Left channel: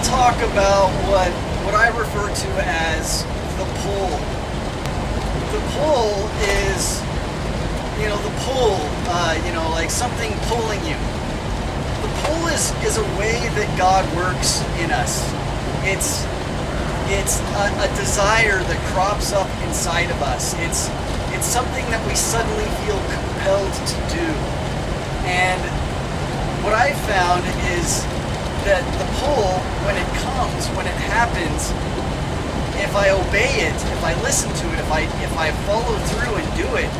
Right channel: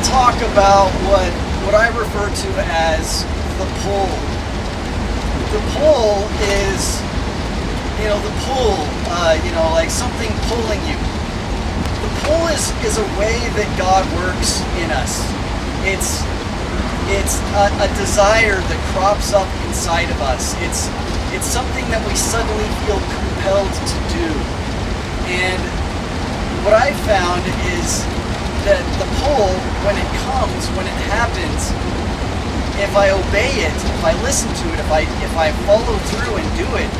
to talk about what I refer to as the pull. The pull is, the pull, like something pulling you. The pull is a way that God works in us. It's a desire that crops up inside of us. It's something that we suddenly feel compelled to do. And what I've found is that the pull, when it comes, when it happens, if I obey it, if I listen to it, if I follow through and do it,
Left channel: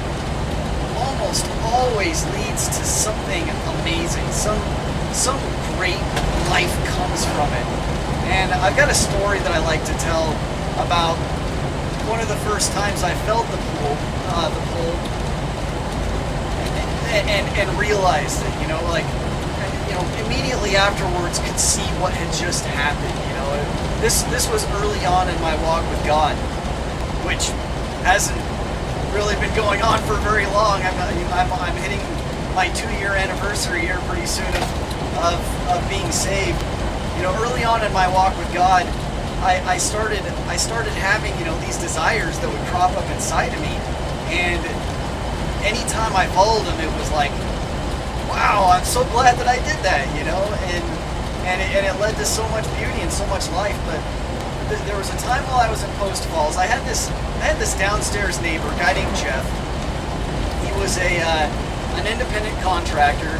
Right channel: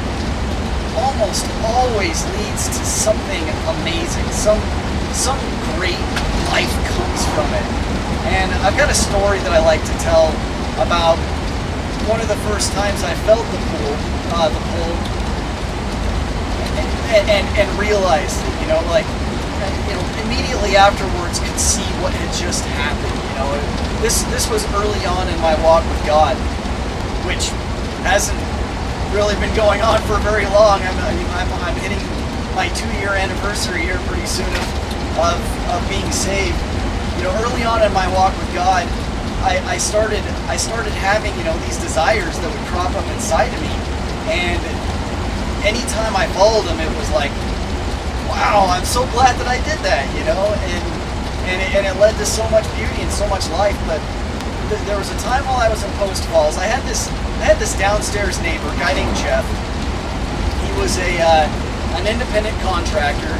almost always leads to something amazing. Some great life comes from it. And I've got a story that I like to tell about one of the first times I felt the pull, and realized it, immediately afterwards could see what had just happened. This was early on in my walk with God, which hasn't really been going on for very long. I'm hitting my 2-year anniversary here pretty soon of being saved. Early on in my walk with God, I started having these desires that would crop up inside of me, and anytime I followed them, it was like, wow, I'm so glad that I did that, and it led to so much beauty and so much life. But there was a time while I was in Post Falls, I had this downstairs neighbor, a guy named Jeff. He was an independent contractor,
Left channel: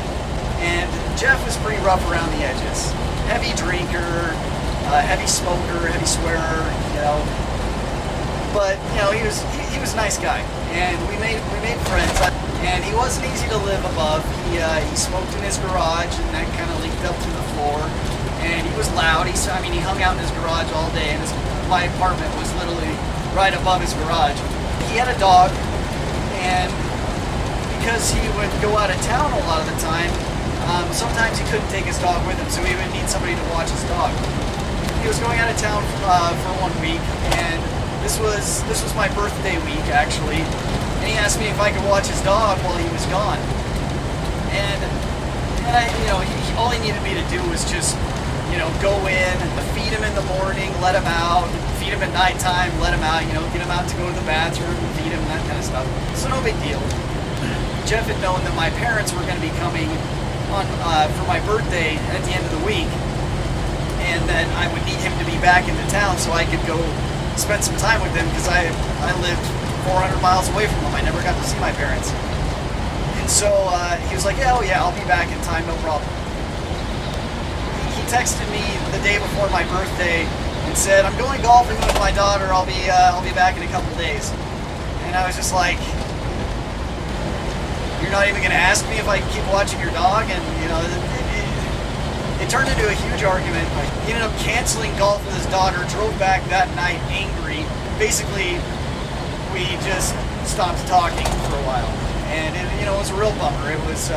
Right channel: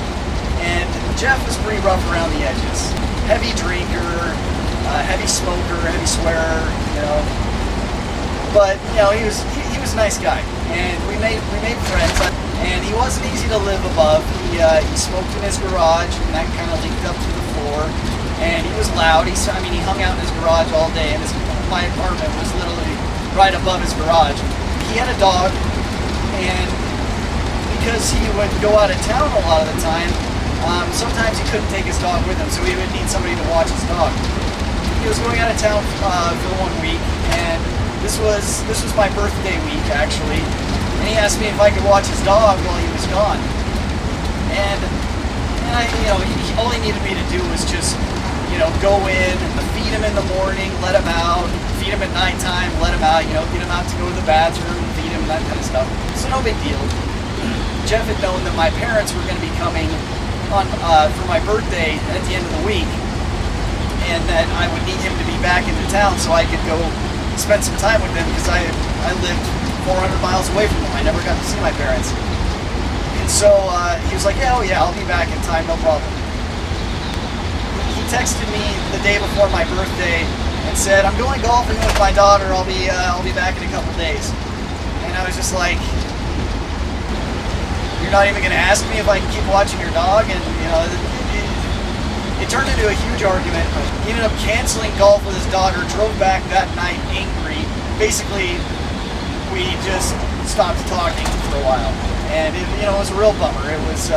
and Jeff was pretty rough around the edges. Heavy drinker, heavy smoker, heavy swearer, But he was a nice guy, and we made friends. And he wasn't easy to live above. He smoked in his garage, and that kind of leaked up through the floor. And he was loud. He hung out in his garage all day, and my apartment was literally right above his garage. He had a dog, and because he would go out of town a lot of the time, sometimes he couldn't take his dog with him, so he would need somebody to watch his dog. He was going out of town for 1 week, and this was my birthday week, actually. And he asked me if I could watch his dog while he was gone. And all he needed me to do was just, go in, feed him in the morning, let him out, feed him at nighttime, let him out, get him out to go to the bathroom, feed him, that kind of stuff. So no big deal. Jeff had known that my parents were going to be coming on for my birthday at the end of the week, and that I would need him to be back into town so I could go spend some time with him, because I lived 400 miles away from them. I never got to see my parents. And so he was like, yeah, I'll be back in time, no problem. He texted me the day before my birthday and said, I'm going golfing with my daughter, I'll be back in a couple days. And I was just like, you're not even going to ask me if I can keep watching your dog? And it turned into a huge argument. He ended up canceling golf with his daughter, drove back that night angry. Basically, we just stopped talking for a while, and it was a real bummer. There was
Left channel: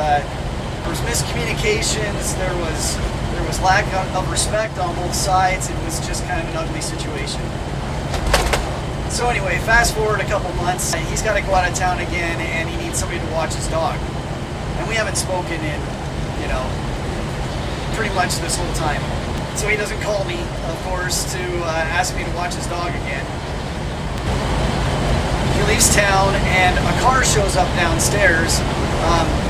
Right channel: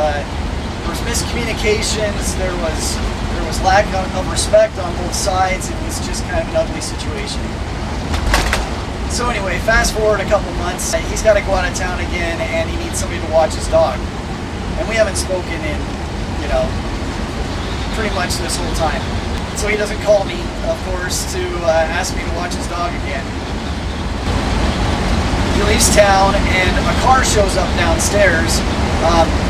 miscommunications. There was lack of respect on both sides. It was just kind of an ugly situation. So anyway, fast forward a couple months. He's got to go out of town again, and he needs somebody to watch his dog. And we haven't spoken in, pretty much this whole time. So he doesn't call me, of course, to ask me to watch his dog again. He leaves town, and a car shows up downstairs.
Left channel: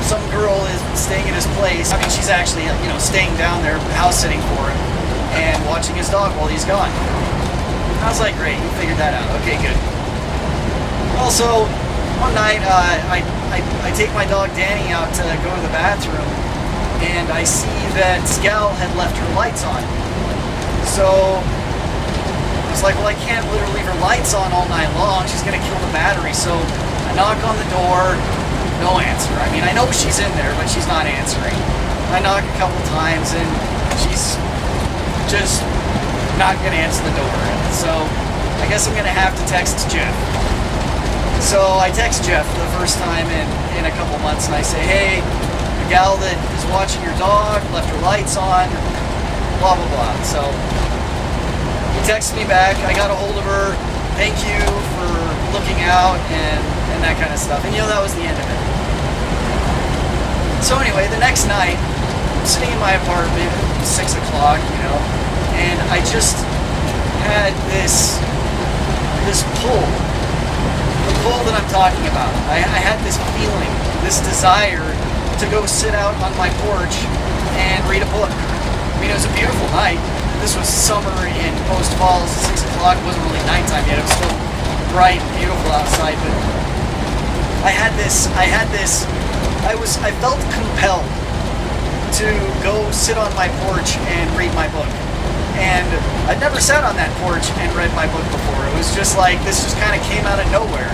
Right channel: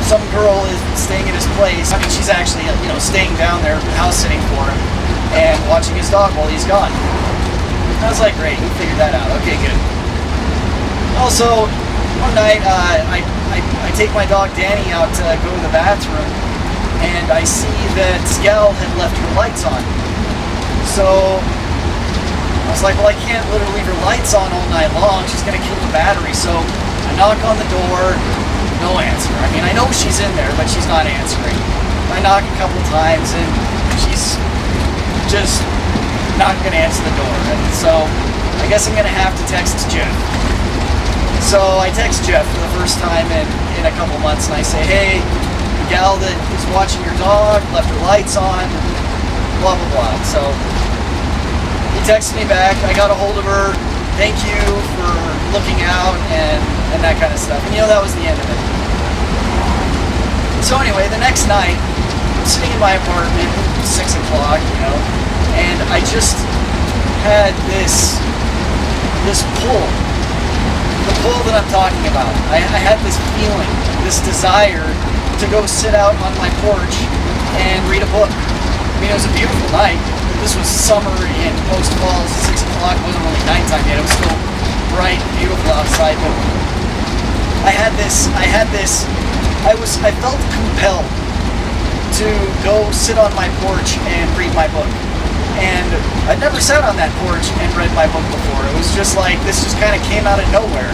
Some girl is staying at his place. She's actually, staying down there, house sitting for him, and watching his dog while he's gone. I was like, great, you figured that out. Okay, good. Also, one night, I take my dog Danny out to go to the bathroom, and I see that Scal had left her lights on. So I was like, well, I can't let her leave her lights on all night long. She's going to kill the battery. So I knock on the door, no answer. I know she's in there, but she's not answering. I knock a couple times, and she's just not going to answer the door. And so I guess I'm going to have to text Jeff. So I text Jeff for the first time in a couple months, and I say, hey, the gal that is watching your dog left her lights on, blah, blah, blah. So he texted me back. I got a hold of her. Thank you for looking out and that kind of stuff. And that was the end of it. So anyway, the next night, I'm sitting in my apartment, 6 o'clock, and I just had this pull, the pull that I'm talking about. I had this feeling, this desire to go sit out on my porch and read a book. I mean, it was a beautiful night. This was summer in Post Falls, 6 o'clock. It wasn't really nighttime yet. It was still bright and beautiful outside, but I felt compelled to go sit on my porch and read my book. And I'd never sat on that porch and read my book before. It was just like, this just kind of came out of nowhere.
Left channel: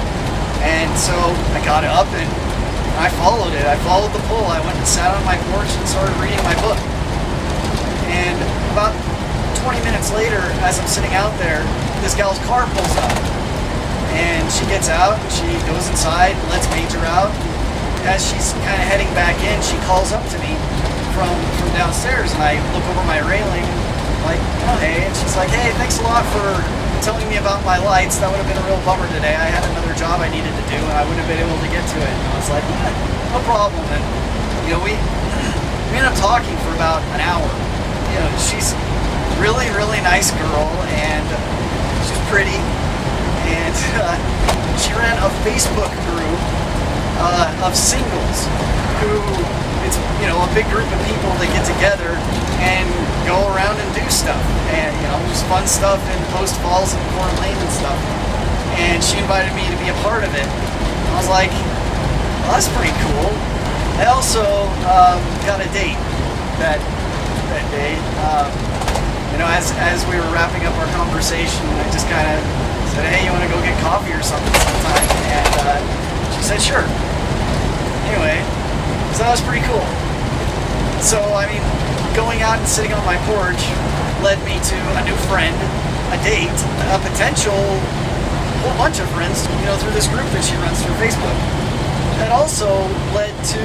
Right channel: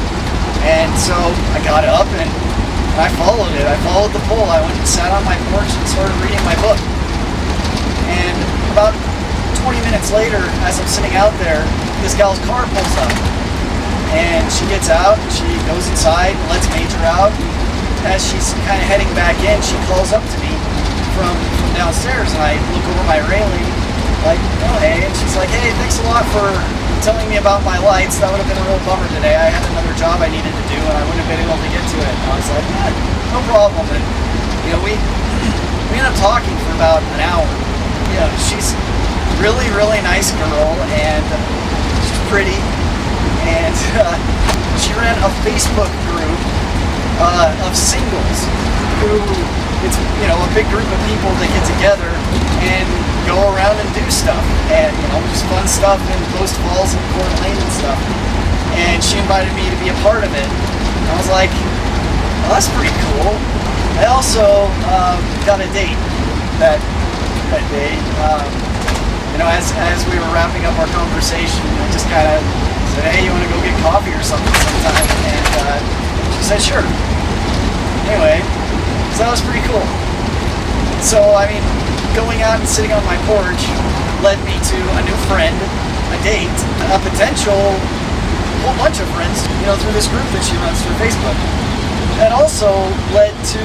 And so I got up and I followed it. I followed the pull. I went and sat on my porch and started reading my book. And about 20 minutes later, as I'm sitting out there, this gal's car pulls up. And she gets out and she goes inside and lets Major out. And as she's kind of heading back in, she calls up to me from downstairs, and I look over my railing like, oh, hey, and she's like, hey, thanks a lot for telling me about my lights. That would have been a real bummer today. I had another job I needed to do, and I wouldn't have been able to get to it. And I was like, yeah, no problem. And, you know, we ended up talking for about an hour. You know, she's really, really nice girl, and she's pretty, and she ran a Facebook group of singles who, it's, you know, a big group of people that get together and go around and do stuff, and, you know, just fun stuff in Post Falls and Coeur d'Alene and stuff. And she invited me to be a part of it. I was like, well, that's pretty cool. I also got a date that day. You know, as we were wrapping up our conversation, I just kind of said, hey, you want to go get coffee or something sometime? And she said, sure. Anyway, so that was pretty cool. So, I mean, going out and sitting on my porch led me to a new friend, a date, a potential whole bunch of friends, you know, through this group that she runs through Facebook. That also led to,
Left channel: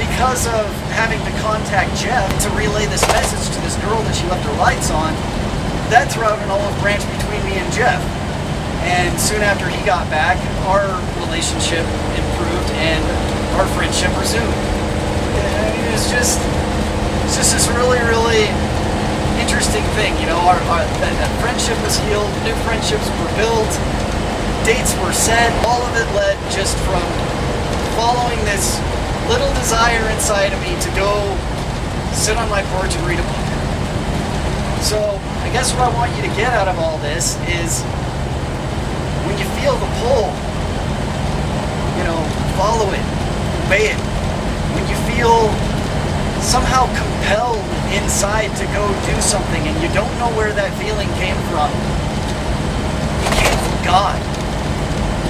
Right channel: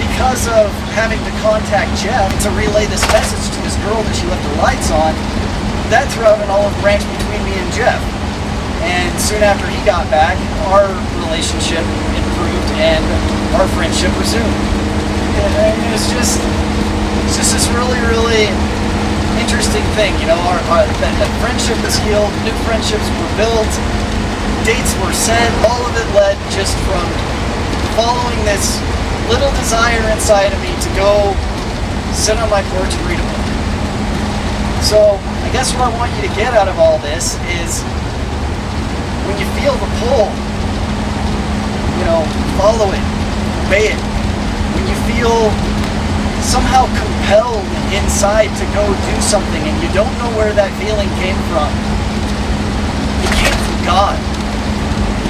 because of having to contact Jeff to relay this message to this girl that she left her lights on, that threw out an olive branch between me and Jeff. And soon after he got back, our relationship improved and our friendship resumed. It's just this really, really interesting thing. You know, that friendship was healed, new friendships were built, dates were set. All of it led just from following this little desire inside of me to go sit on my porch and read a book. So I guess what I want you to get out of all this is, when you feel the pull, you know, follow it, obey it. When you feel somehow compelled inside to go do something and you don't know where that feeling came from, it came from God.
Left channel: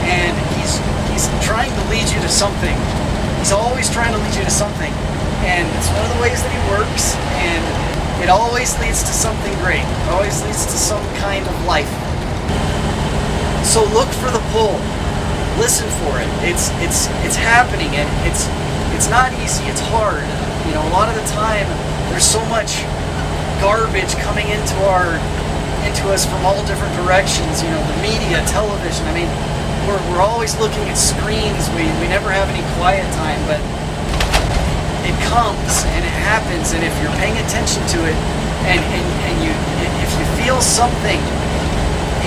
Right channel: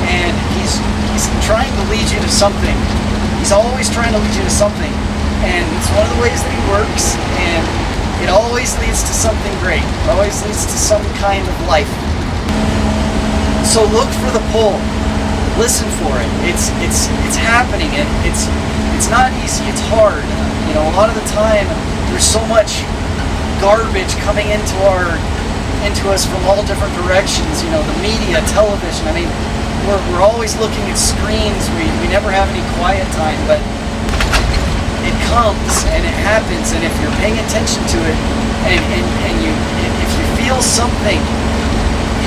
And He's trying to lead you to something. He's always trying to lead you to something. And it's one of the ways that He works, and it always leads to something great. It always leads to some kind of life. So look for the pull. Listen for it. It's happening. It's not easy. It's hard. You know, a lot of the time there's so much garbage coming into us from all different directions. You know, the media, television. I mean, we're always looking at screens. We never have any quiet time, but it comes and it happens. And if you're paying attention to it, and if you feel something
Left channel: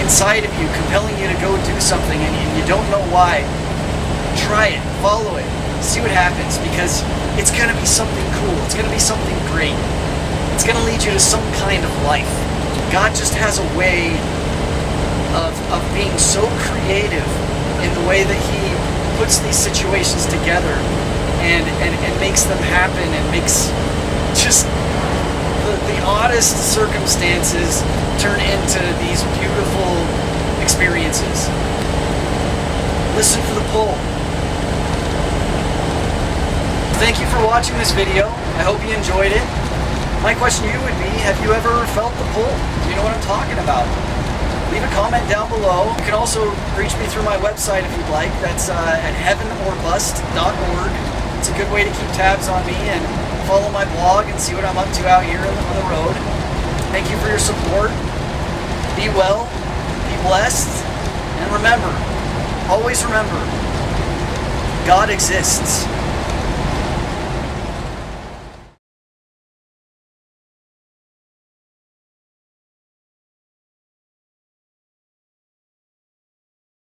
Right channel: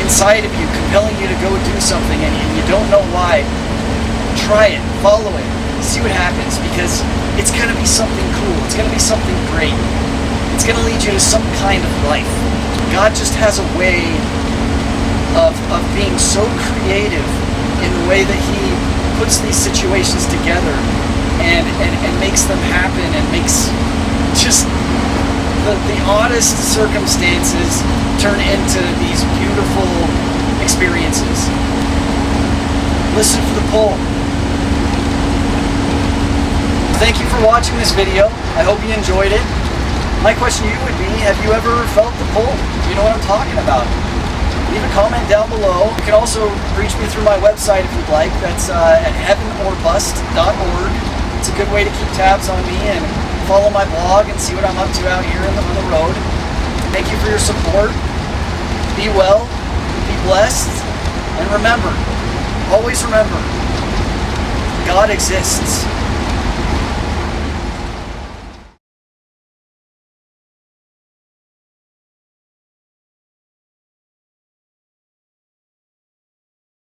inside of you compelling you to go do something, and you don't know why, try it, follow it, see what happens, because it's going to be something cool. It's going to be something great. It's going to lead you to some kind of life. God just has a way of being so creative in the way that He puts these situations together and makes them happen, and makes just the oddest circumstances turn into these beautiful experiences. Listen for the pull. Thank you for watching this video. I hope you enjoyed it. My question to you would be, have you ever felt the pull? Do you know what I'm talking about? Leave a comment down below. You can also reach me through my website if you'd like. That's at heavenorbust.org. It's a good way to keep tabs on me and follow my blog and see what I'm up to out here on the road. Thank you for your support. Be well, be blessed, and remember, always remember, God exists.